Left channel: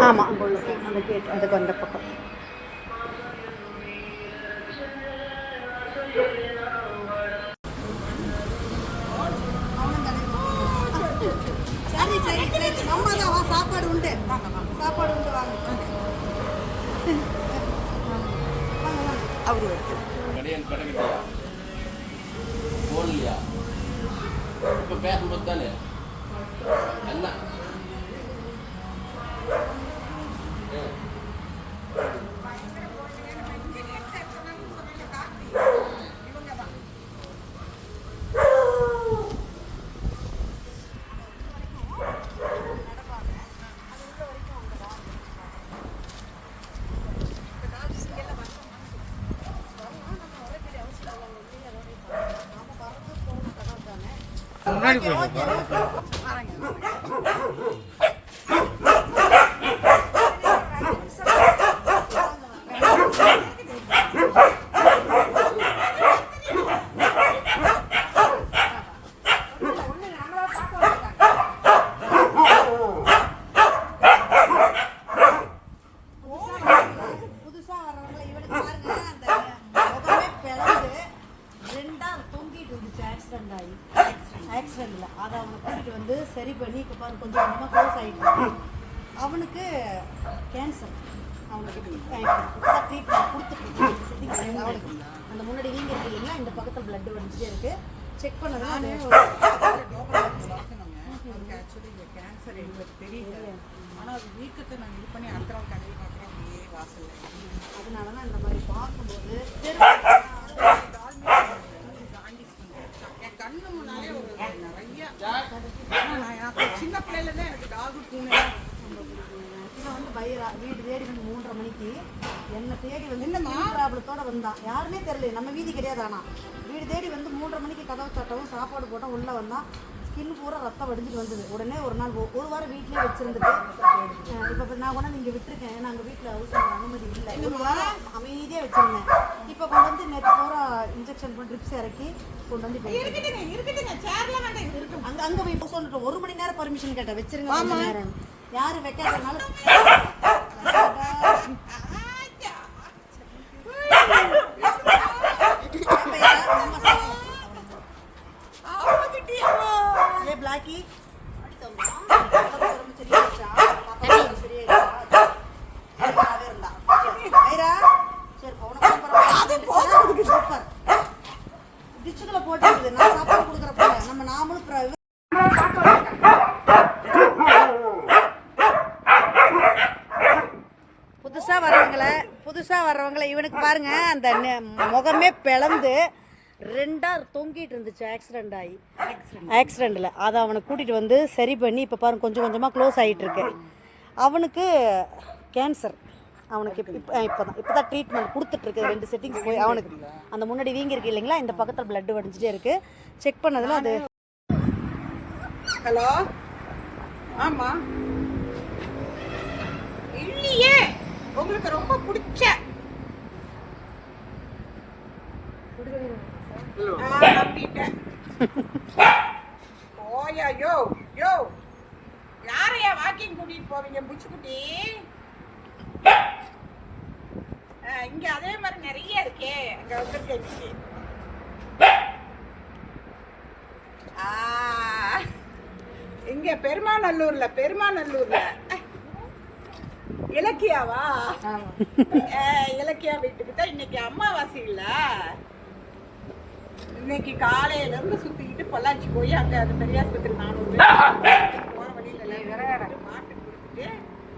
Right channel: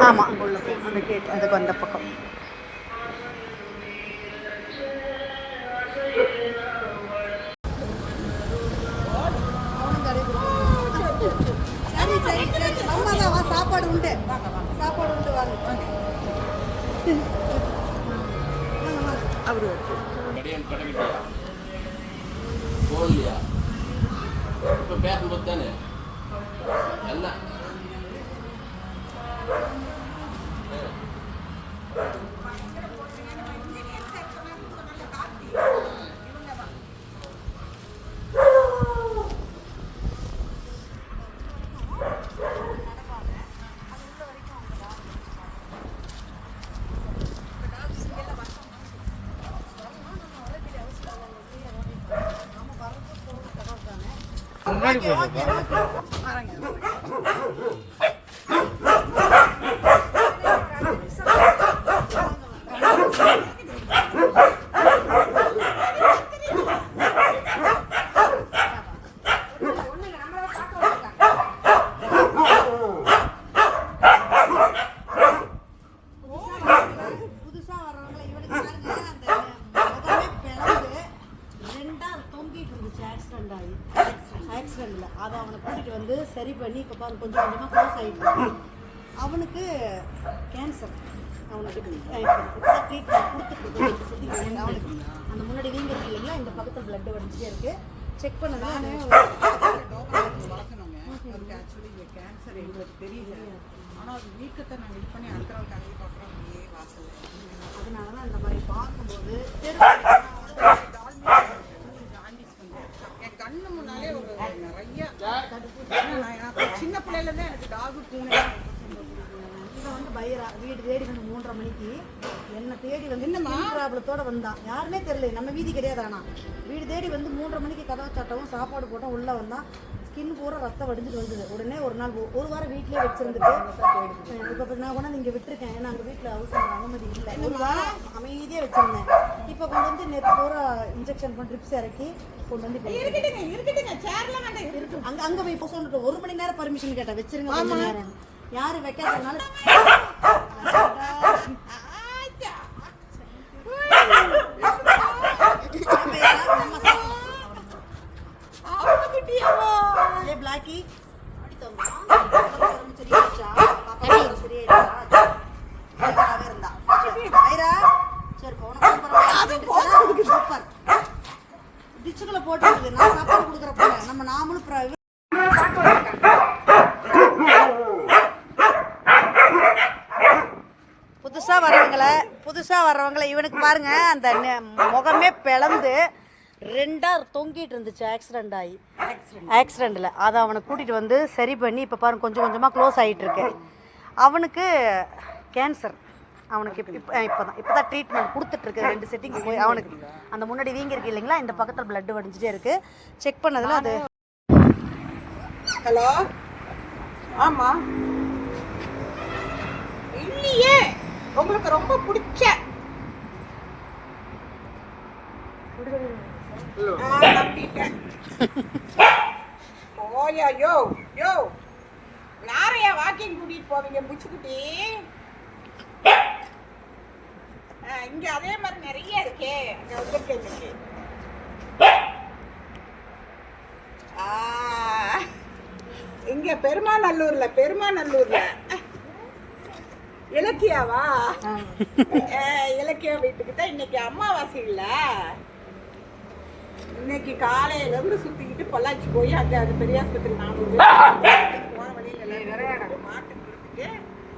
ஆமாம் அங்கே உள்ள போகும் அந்த கேட் அதுக்கு அந்த பக்கம். சரி சரி சரி. அம்மா தான் வா சாப்பாடு உண்டு. சாப்பாடு உண்டு வாங்க. வாங்க அப்படி இப்போ பேசும்போது தானே எல்லாம் புதுசா ட்ரீட்மெண்ட் கொடுத்துட்டு அவனுக்கு அந்த முன்னாடி வீங்க இல்லைங்களா இந்த பக்கத்தில் பிளட் வடிஞ்சிட்டே இருக்கு செக் பண்ணதானே அவருக்கு ஆக்சுவலி இந்த கேன்சர் எங்களுக்கு தெரியல ஆனால் அது வீக்கத்தை நாங்கள் இது பண்ணி அந்தரம் கடையில் பார்க்குறோம் அப்படியே வாசல் அதனால தான் இந்த மாதிரி பார்க்கும்போது ஜாண்டிஸ் வந்து என் கண்ணு முன்னாலே ஒரு நிறைய சின்ன பிள்ளையில தான் எனக்கு டாகு பூனை வந்து பைரா வீடு தேடி வந்து மூன்றரை மணிக்கு. என்னை தேடி வந்து என்ன ப்ராப்ளத்தோட வந்தான் யாருமே தெரியல நம்ம வீதி கிடையாது ஆனா. வீடு தேடி வந்து மூன்றரை மணிக்கு கதவு சட்டவும் சாப்பாடு போட்டோம் உள்ள வந்தான் ஸ்கின் பூரா ரத்தம் வடிஞ்சிட்டு வந்தது. உடனே ஒரு நாள் ஒரு வாரம் வீட்லயே வச்சிருந்துட்டு இப்போ நான் கொண்டு வந்து இங்கே விட்டுருக்கேன். ஏன்னா அங்கே வீட்டில் அவசரம் அனுமதி இல்லை. ஒரு வாரம் அமைதியாக வச்சிருந்தேன். இப்போ கொண்டு வந்து நேற்று பூரா இன்ஜெக்ஷன் பண்ணி ட்ரிப்ஸ் இறக்கி கொண்டு வந்து அங்க அங்க போய் ஒரு மணி நேரம் பர்மிஷன் கேட்டேன் வச்சிருங்க நேரம் யாரு வைக்காதனால ஏ பிளாக்கி அடி தம்பா உடம்பு சரியாயிடுச்சா பாப்பா உடம்பு சரியாயிடுச்சா நல்லாவே இருந்தா ஐரா சரி போன சூப்பர் டிச்சுக்குள்ள போட்டு நான் சாப்பாடு கொடுக்குறப்ப நம்ம நாமளும் பிர- புதுசாக வரவங்கள புதுசாக வர்றவங்கள இவனுக்கு பாருங்க அந்த முகமே பிளந்து ரெண்டா தொங்கிட்டு இருந்துச்சு ஆக்சிடென்ட் ஆகி ஆக்சிடெண்ட்டில் அதை அவனை கூட்டிகிட்டு வந்து சரி பண்ணி இப்போ பாருங்க கொஞ்சம் கொஞ்சமாக க்ளோஸ் ஆகிட்டு இருக்கு அவனுக்கு கேன்சர் அவனுக்கு இப்போ இப்போ இப்போ தான் இப்போ தான் ட்ரீட்மெண்ட் கொடுத்துட்ருக்கு ரெண்டு செட்டிங்ஸ் போய் அவனுக்கு. அந்த முன்னாடி வீங்கி இருக்கு இல்லைங்களா? இந்த பக்கத்தில் பிளட் வடிஞ்சிட்டே இருக்குது செக் பண்ணதில் அது. ஹலோ ஆமா. இல்லையே. உங்களுக்கு ரொம்ப பிடிச்ச ஓயா யோ யோ யாரையா வாக்கிங் கூட்டிட்டு போவீங்க புச்சுக்குட்டி? இங்க அதே மாதிரி நிறைய இருக்கே. அங்க ஆ, இங்க பெருமாநல்லூர்ல பெருமாநல்லூர்ல. இலக்கியாவா? இலக்கியா வீட்டுக்கு தான் இன்னைக்கு அமாவாசை இல்ல. இன்னைக்கு காலையில இருந்து சுத்திக்கிட்டு பொள்ளாச்சி போய் அங்க அந்த பெரியாஸ்பத்திரி நானூறு போற வழியில எல்லாம் மாட்டுக்கு கொடுத்துட்டு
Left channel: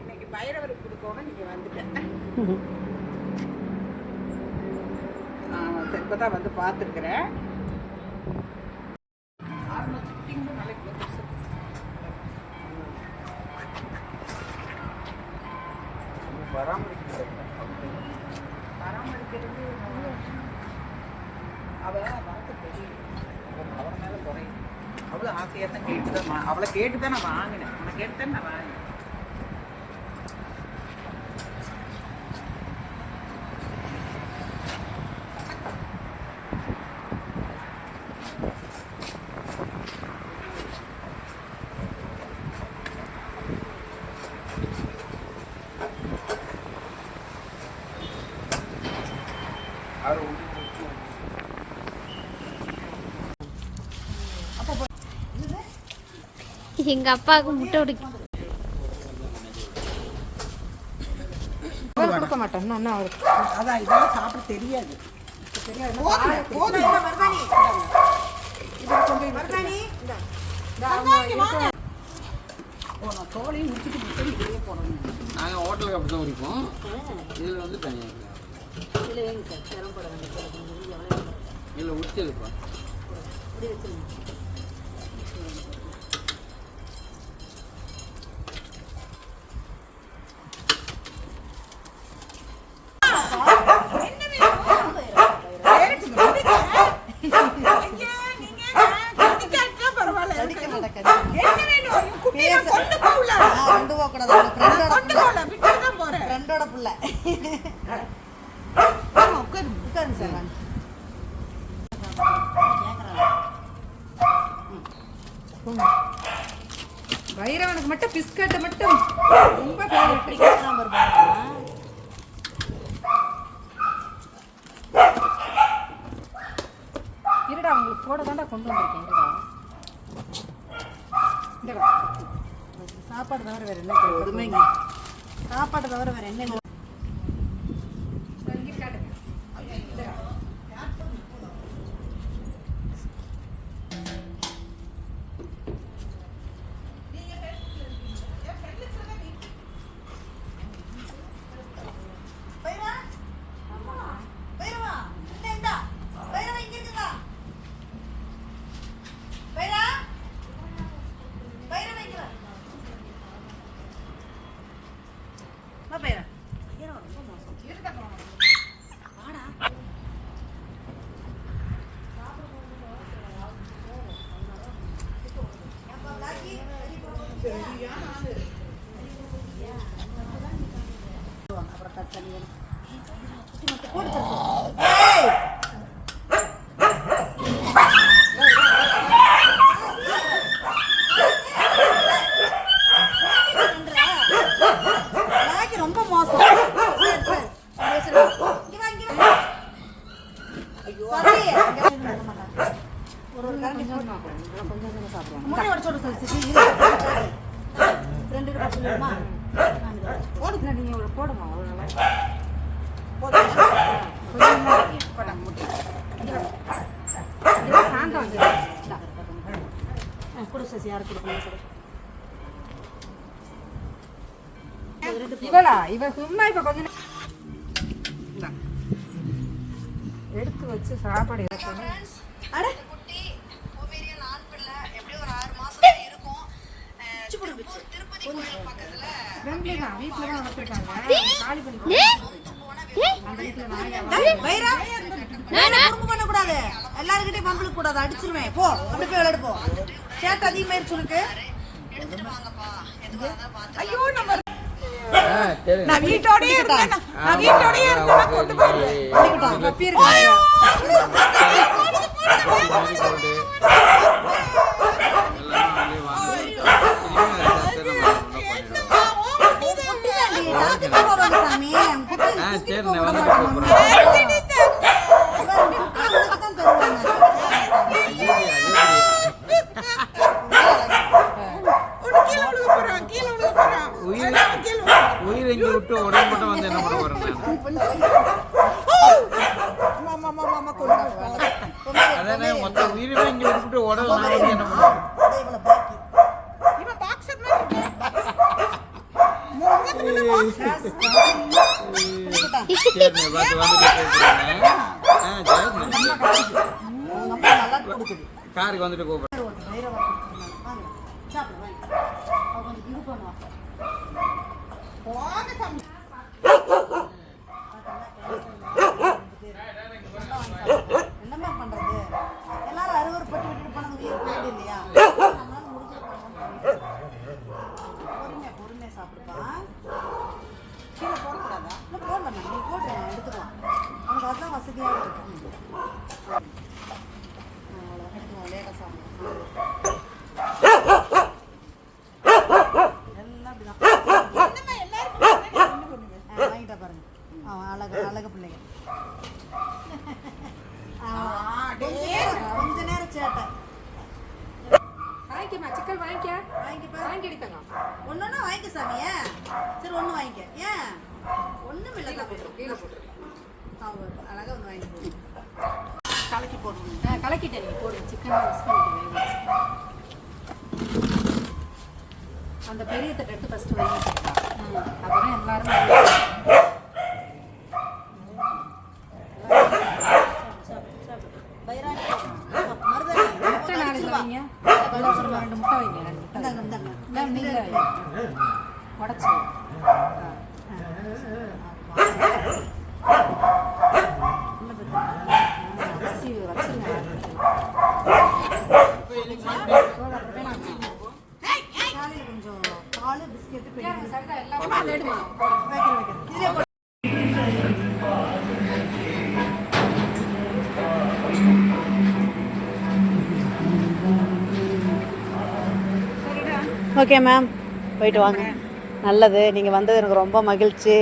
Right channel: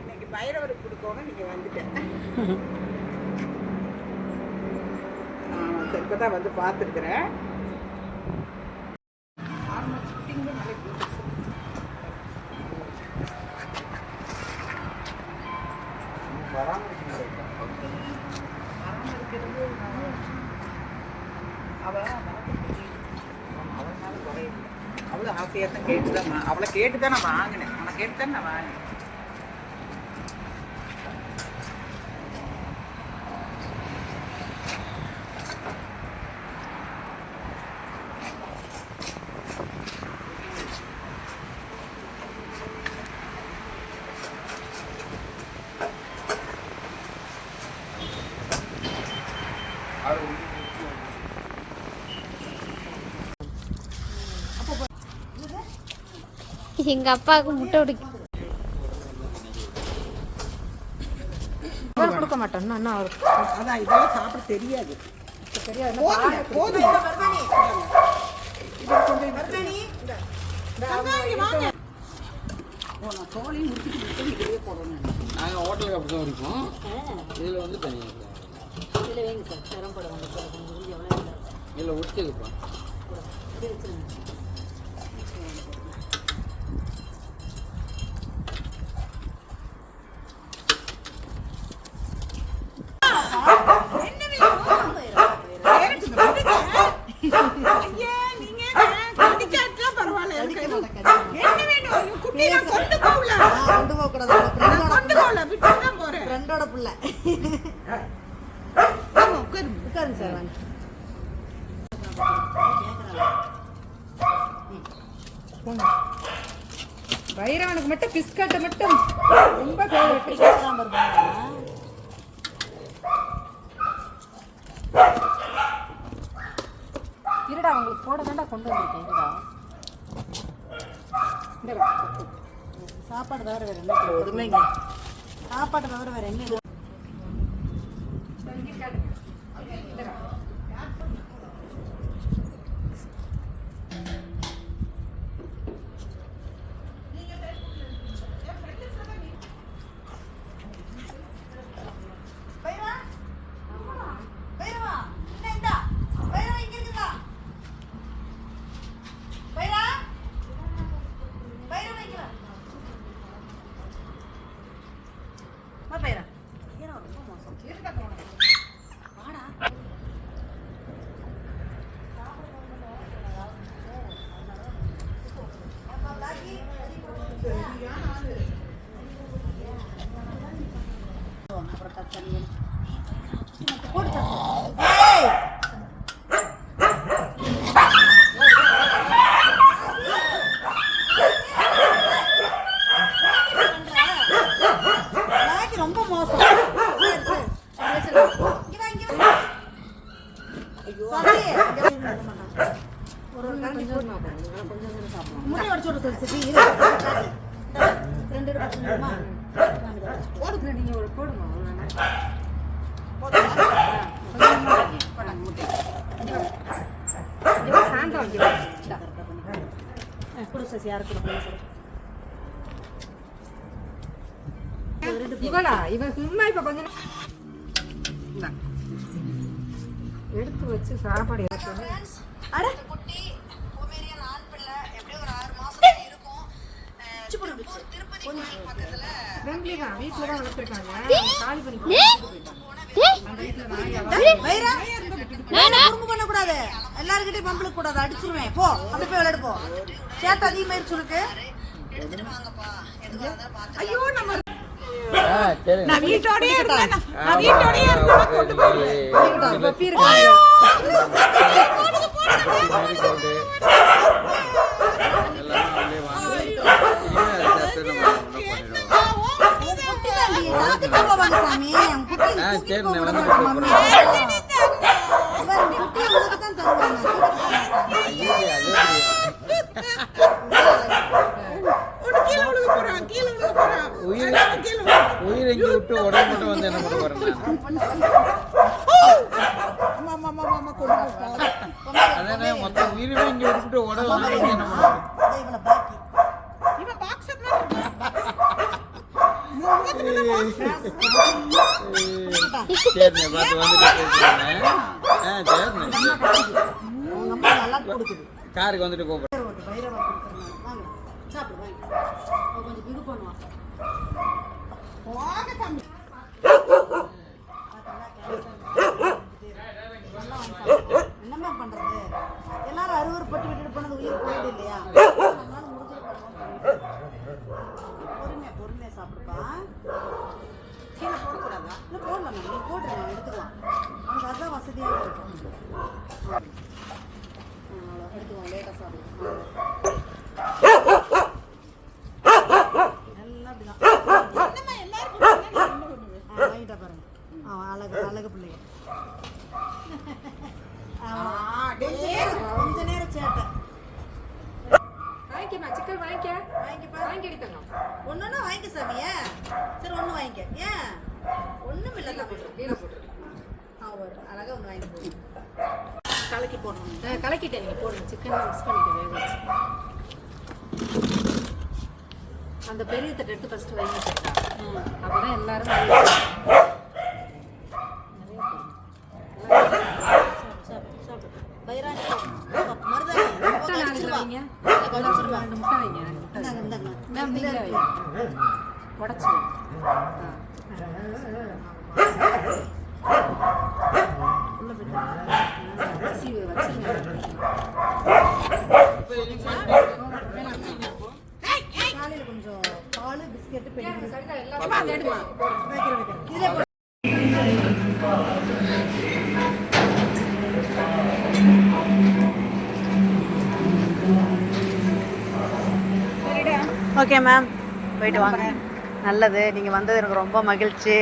இன்னைக்கு பைரவருக்கு கொடுக்கணும் நீங்க வந்துட்டேன். ஆமா சரி இப்பதான் வந்து பார்த்துருக்குறேன். போது ஹாஃப் இயர் தான் கேட்டு தான் அவளை கேட்டு தான் நான் வாங்கினேன் அவனை கேட்டு தான் நான் வாங்கினேன் I don't know. எங்க அப்பாவுக்கு முட்டை உடைக்கும் அவர் கொடுக்க மாட்டேன் அண்ணா அவருக்கு அதான் இதெல்லாம் சாப்பிட தெரியாது. தோலையும் முடிச்சுட்டு முடிச்சுட்டு நாங்கள் ஹோட்டலுக்கு அப்படி தான் குடிப்போம் இதில் வந்து தனியாக இதில் வைங்க சார். சிரமப்பட வேண்டாம். சார் கொஞ்சம் எவ்வளோ இதில் உச்சி இருக்கும் ஐயா, நீங்க கடிக்காட்டினா பரவாயில்ல. எனக்கு என்ன வேணும்? என் குட்டியை நான் கொண்டு போகல. கொண்டு போகக்கூடாது ஃப்ரெண்டோட கொண்டு போகல, விட்டுட்டு தான் போறேன். ஃப்ரெண்டோட புள்ள ஆமா, உட்காரு. உட்காரு சார் பைரவனுக்கு மட்டும் பிஸ்கட் மட்டும். ரொம்ப எப்படி கேட்குறான் பாருங்க இருடா உங்களுக்கு போட தாண்டா கொண்டு வந்திருக்கேன். இருடா. சாப்பாடு தவிர வேற என்ன? பொறுமைங்க சாப்பாடு தவிர வேற என்ன இது? பைரவா பைரவா இந்த இந்தா பைரவா இங்க இருக்குதா பைரவா பைரவா இங்க வா வா பைரவா ஏன்னா ரொம்ப மோசம் வாடா ஏப்பா, பிளாக்கி, சரி போடு. அப்புறம் தத்தனி வேணும். போடு தத்து. ஏய்! பிளாக்கி ரொம்ப மோசம் சரி, சரி. இங்க சரி. இங்க வா, இங்க வா. சரி, இங்க வா. ஒரு கரண்டி போடு. முட்டை உடைச்சு விடு, சரி, சரி. இரு. ரெண்டு பேரும் பச்சை மிளகுமா? போடுங்க நீங்க இவ்வளவு போடுங்க அவ்வளவுதான். கொஞ்சமா வைங்க. போடாங்க, முட்டை. இங்க சாந்தம் வந்து. இந்தா. ஆ, கொடு சசி, யாருக்கு கொடுக்கணும் கொடு. ஒரு ரெண்டு போடு. இவளா இவன் சும்மா இப்ப கொஞ்சம் எடுத்து வச்சு சாப்பாடு அட. குட்டி, பிள்ளை, எப்படியும் ஒரு ஆறு மாசம் இருக்கும். திருப்பதி கோயில் பக்கத்துல தான் வளர்த்துருக்காங்க காலி பண்ணி பண்ணக்கூடாது. எல்லார்கிட்டயும் பம்பளுக்கு கூடாது. அடிச்சிருவேன். போ. அப்படி போய் விளையாடு போ. சேட்டை அதிகமாயிருச்சு உனக்கு ஐயோ நம்ம ஆ சரி நான் வீட்டோடயே இருந்தேன். நான் வீட்டோடயே இருந்தேன். கொண்டு போய் பப்பி இருக்கு உயிர் உயிர் எங்கே விட்டு உடம்பு மட்டும் வந்து என்ன பண்ண போறேன் நான் அம்மா அம்மா அம்மா அம்மா கொண்டு போய் அதானே மொத்த உயிருமே இங்கே விட்டுட்டு உடம்பு நான் வந்து என்ன பண்ணுறேன் இவளை பாக்கி இவன் பாக்ஸர் மாதிரி இருக்கான். இவன் முகத்துல boxer. சரிண்ணே பார்த்து வந்துட்டு கூப்பிடுறேன் ஆ சரிண்ணே அவங்க அம்மா நல்லா கொடுக்குது காருக்கு வந்துட்டு கூப்பிடுறேன். என்னம்மா பண்றது? எல்லாரும் அறுவறுப்பட்டு விட்டுட்டு போனது உயிர் போயிடுது இல்லையா? பொறுமையா பொறுமையா சாப்பிடுப்பா. கீழே போடக்கூடாதா? இல்லை போடலாம் நீ போட்டு நான் எடுத்துக்கலாம். உனக்கு அதுதான் வசதியாக இருக்கும் எடுத்துக்கலாம் லேட்டாக சாப்பிடுவோம் எல்லாம் அப்படிதான் என்னம்மா எல்லாரும் போறாங்க, நீ ஒண்ணு பண்ணுங்க. ஆ, வாங்கிட்டா பாருங்க அவன் அழகு அழகு பிள்ளை கொஞ்ச நேரம் கொஞ்ச நேரம் சேட்டை வாங்கிக்கம்மா, சிக்கன் வாங்கிக்க. வாங்கி சாமியா சரி ஒன்று வாங்கிக்க ஏன் ஒன்றும் இல்லை தான் அவர் அழகாக ஒன்று வாங்கிட்டு போகுது கலக்கி போடணும். நான் கலக்கிட்டேன் நீங்கள் போடுங்க. சிக்கன் மிக்ஸ் வச்சு. அந்த பெரிய தட்டு எடுத்து ஃபஸ்ட்டு வைங்க அப்பதான் எல்லாரும் நல்லா- பைராணி மருதாணி முட்டை நாலு வைங்க கழிச்சிருவா ரெண்டு முட்டை வைங்க ரெண்டு முட்டை இந்தாங்க இந்தாங்க இந்தாங்க, நீங்களே வைங்க உடச்சி அரிசி வச்சு காலையில் கொஞ்சம் பால் பிஸ்கெட்டு பெரிய. ஓகே மேம் போயிட்டு வாங்க. நல்லது. நீங்கள் வந்தது எனக்கு ரொம்ப மகிழ்ச்சி.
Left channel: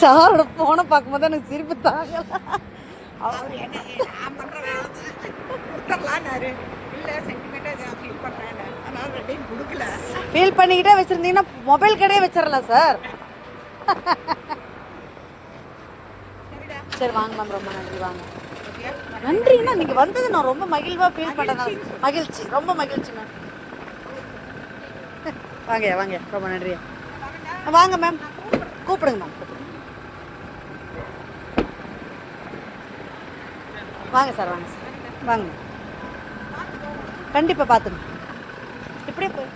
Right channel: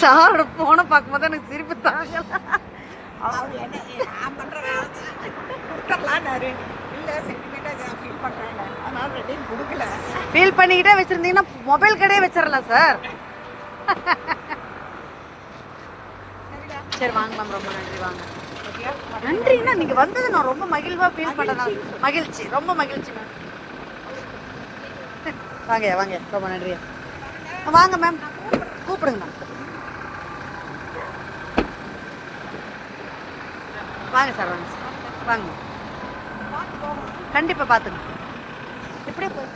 சாரோட போனை பார்க்கும்போது எனக்கு சிரிப்பு தாங்கல. அவர் என்ன நான் பண்ற வேலை கொடுத்துடலான்னாரு இல்லை சென்டிமீட்டர் ஃபீல் பண்ணுறேன் அதனால ரெண்டையும் கொடுக்கல. ஃபீல் பண்ணிக்கிட்டே வச்சுருந்தீங்கன்னா மொபைல் கடையே வச்சிடலாம் சார் சரி வாங்க மேம் ரொம்ப நன்றி வாங்க. நன்றிண்ணா நீங்கள் வந்தது நான் ரொம்ப மகிழ்வாக ஃபீல் பண்ணேன் மகிழ்ச்சி. ரொம்ப மகிழ்ச்சி மேம் வாங்க வாங்க ரொம்ப நன்றி வாங்க மேம் கூப்பிடுங்க மேம் வாங்க சார் வாங்க. சார் வாங்க. கண்டிப்பாக பார்த்துங்க இப்படியே போய்